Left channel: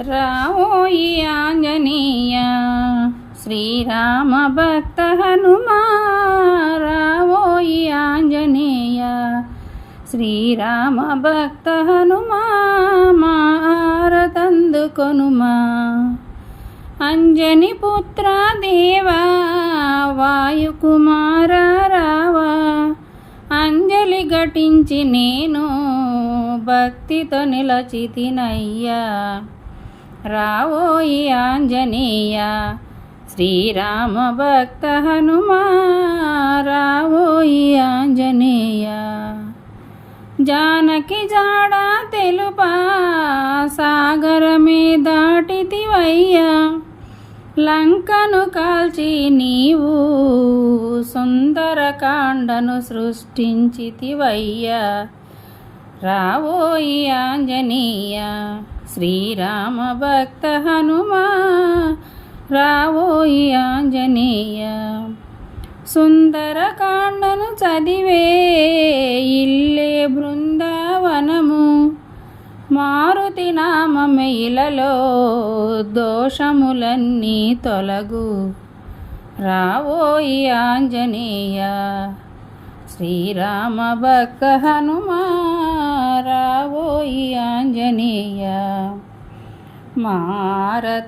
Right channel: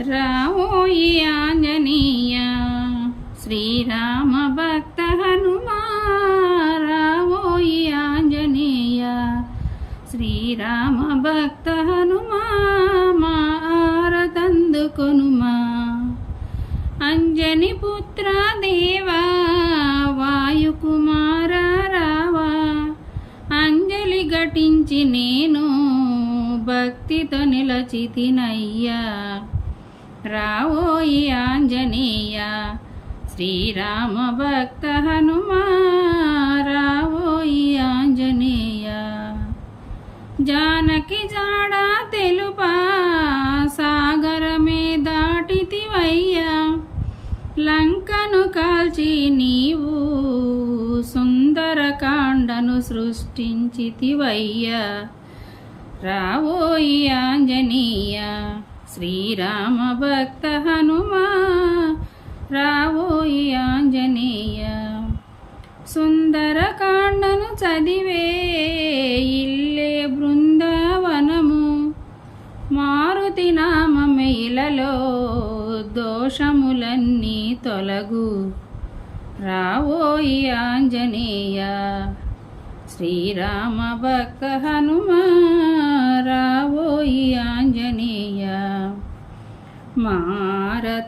రావోయి ఆంజనేయ శ్రీరామ భక్త హనుమా రావోయి ఆంజనేయ శ్రీరామ భక్త హనుమా మారతందుకొనుమా. అంజని పుత్ర దేవా వాయుకుమార రావా. అంజలి ఘటించి నేను భక్తితో నిలచితినయ్యా. రావోయి ఆంజనేయ శ్రీరామ భక్త హనుమా రావోయి ఆంజనేయ. జానకి జాడ తెలుపా సాగరమే దాటితివయ్యా. లంకను కాల్చి నీవు సుందరకాండను సృష్టించితివయ్యా. రావోయి ఆంజనేయ శ్రీరామ భక్త హనుమా రావోయి ఆంజనేయ. సుందరకాండను చదివే ఇల్లే బృందావనము మారుతి నామమిలలో దోషములన్నీ తొలగు. రావోయి ఆంజనేయ శ్రీరామ భక్త హనుమా రావోయి మారతందుకొనుమా?